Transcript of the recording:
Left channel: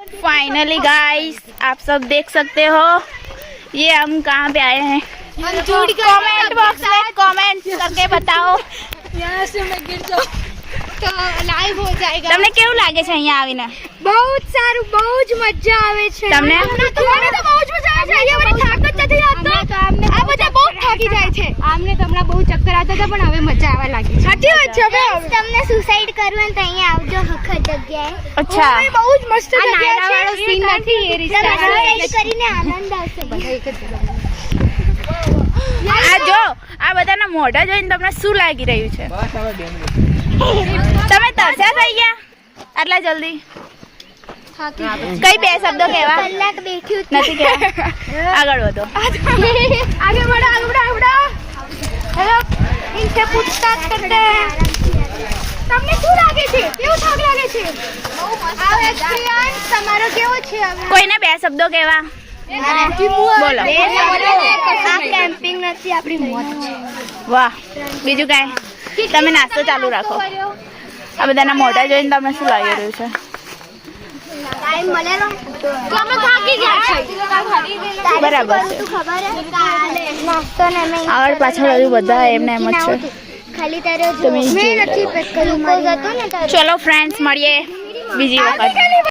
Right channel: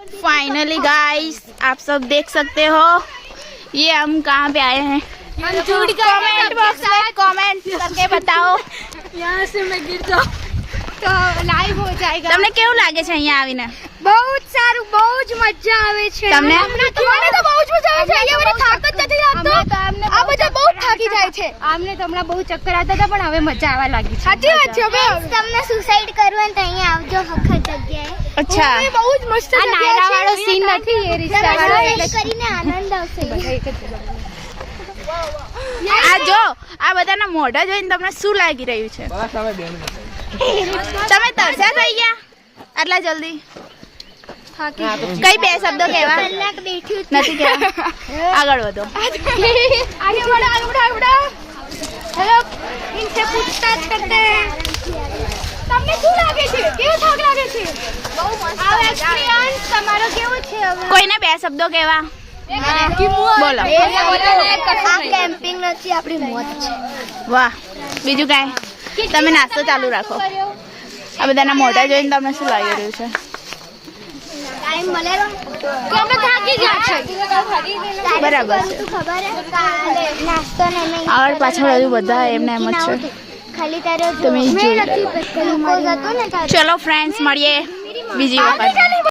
Finally guys आप सब देख सकते हो ये हम कहाँ पे आए हैं। कमेंट बॉक्स में कमेंट करके बताओ। यहाँ से मैं गिर जाऊँ तो लाइव हो जाएगा। તમને કેવું લાગે છે અહીંયા આવીને? બહુ સારું, બહુ જ મજા આવે છે। તમને મને તો બહુ જ મજા આવે છે। અહીંયા મને થાક જ નથી લાગતો। આ બધા બહુ થાકી જાય છે। આમને તો હમણાં બહુ ચક્કર આવતા હતા પણ હવે મજા આવવા લાગી છે। સાચી વાત છે। હવે તમને સુસાઇડ કરવાનું તો અહીંયા આવજો હખત જગ્યાએ। અચ્છા બહુ જ મસ્ત જગ્યા છે। વાળો સીન નથી એ રિશ્તા વાળો કરીને આનંદ આવશે। બધા એક જ જગ્યાએ। આ જો આ બધાના મોઢા જોઈને તમને શું લાગી રહ્યું છે? તમે તરસ્યા થઈ ગયા આટલા જલ્દી? કઈ બે શબ્દો કહેવા કલાક બેઠ્યું નથી કહેવા? આગળ વધો। आगे बढ़ो आगे बढ़ो आगे बढ़ो। हेलो इनसे पूछताछ करते हैं। તમને શું લાગે છે? કેવું થાક લાગે છે? બહુ મસ્ત આ એક્સપીરિયન્સ તમારો કેવો છે? હવે કોઈને બે શબ્દો કહેવા બોલો। આ કેમ્પિંગ નથી આપણી મોત છે। વાહ બીજું કાંઈ? તમે નાસ્તો ચાલુ રાખો। આ બધાના મોઢા જોઈને તમને શું લાગી રહ્યું છે? ટાઈમ મળેલો તો અમે થાકી ગયા છે। બરાબર છે। ખબર હે નાસ્તો ને આગળ પાછળ બધું બધા એમને એમ જ છે। ખાલી તારે તમે મેં નથી પેક કર્યું મારી ચલો ફ્રેન્ડ્સ મળીએ બીજી વખત।